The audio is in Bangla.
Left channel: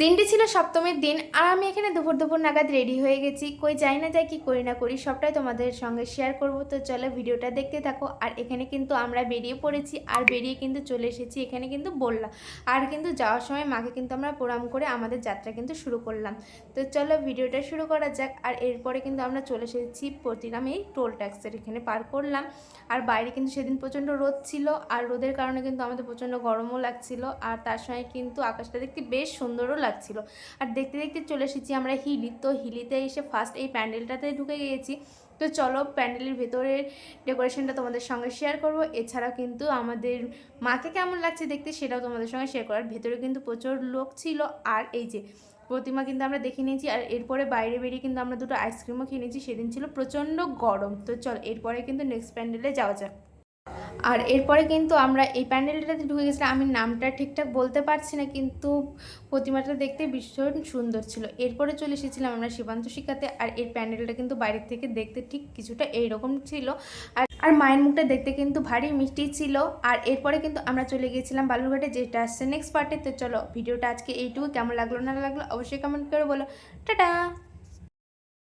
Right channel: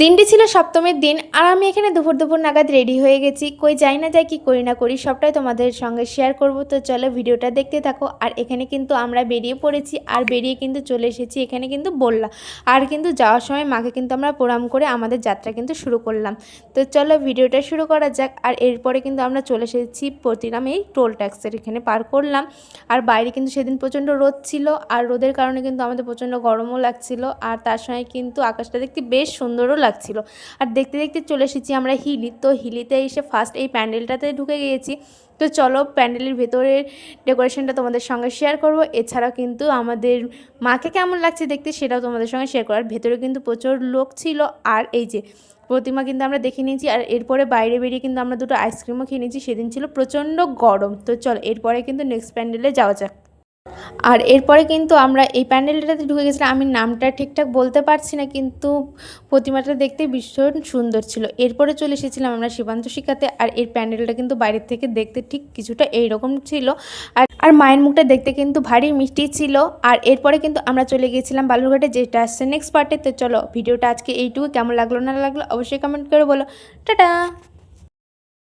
দিনটি ছিল সপ্তমীর দিন আর আমি এখানে দুপুর দুপুর নাগাদ রেডি হয়ে গেছি। কই যাই না যাই কি করি না করি সবটাই তোমাদের সঙ্গে শেয়ার করব। তো চলো ভিডিওটা দেখতে থাকো। আর এখানে কিন্তু আমরা বেরিয়ে পড়েছি আর বেরিয়ে কিন্তু চলে এসেছি এখানে কিন্তু বললাম। আর কিন্তু যাওয়ার সময় মাকে কিন্তু আমরা প্রণাম করে আমাদের যাত্রা কিন্তু শুরু করলাম। তো চলো ভিডিওটা শুরু করা যাক। আর এরপরে কিন্তু আমরা চলে এসেছি প্রতিরাম এই টোল ট্যাক্সের এখানে পার করলাম। আর বাইরে কিন্তু সেদিন প্রচণ্ড রোদ ছিল আর রোদের কারণে কিন্তু আমাদের প্রচণ্ড গরমও লাগছিল। আর তার সঙ্গে কিন্তু আকাশটা দেখতে বেশ সুন্দরও লাগছিল। আর দেখতে দেখতে চলে এসেছি আমরা হিলি। তো হিলিতে এসে ফার্স্ট এই প্যান্ডেলটাতে ঢুকে গিয়েছি। তো চলো প্যান্ডেলের ভেতরের ডেকোরেশনটা তোমাদের সঙ্গে শেয়ার করব। এছাড়াও কিন্তু আমাদের মাকে কেমন লাগছে দেখতে সেটাও তোমাদের সঙ্গে শেয়ার করার। ভেতরে কিন্তু প্রচুর লোক ছিল। আর এই যে প্রতিমা কিন্তু আমরা দেখে নিয়েছি। আর এরপরে বাইরে বেরিয়ে কিন্তু আমরা দুটো আইসক্রিমও খেয়ে নিয়েছি। সেদিন ছিল প্রচণ্ড গরম। তো চলো এরপরে কিন্তু নেক্সট প্যান্ডেলে যাওয়া যাক। আর এরপরে কিন্তু আমরা এই প্যান্ডেলটাতে ঢুকে গেছিলাম। আমি নামটা ঠিকঠাক বলতে পারছি না, কিন্তু প্রতিমাটা দেখতে ভীষণ সুন্দর ছিল। এরপরে চলে এসেছিলাম আমরা সীমান্ত শিখাতে। আর এই প্যান্ডেলটা কিন্তু বাইরের থেকে দেখতে ঠিক কিছুটা এইরকম ছিল। আর মায়ের মুখটা দেখতে কিন্তু ভারী মিষ্টি ছিল। আর এরপরে কিন্তু আমরা চলে গিয়েছিলাম বালুরঘাটে, যেটা আসছে নেক্সট পার্টে। তো চলো ভিডিওটা আজকে এইটুকু, কেমন লাগলো না লাগলো অবশ্যই কমেন্ট করে বলো। টাটা।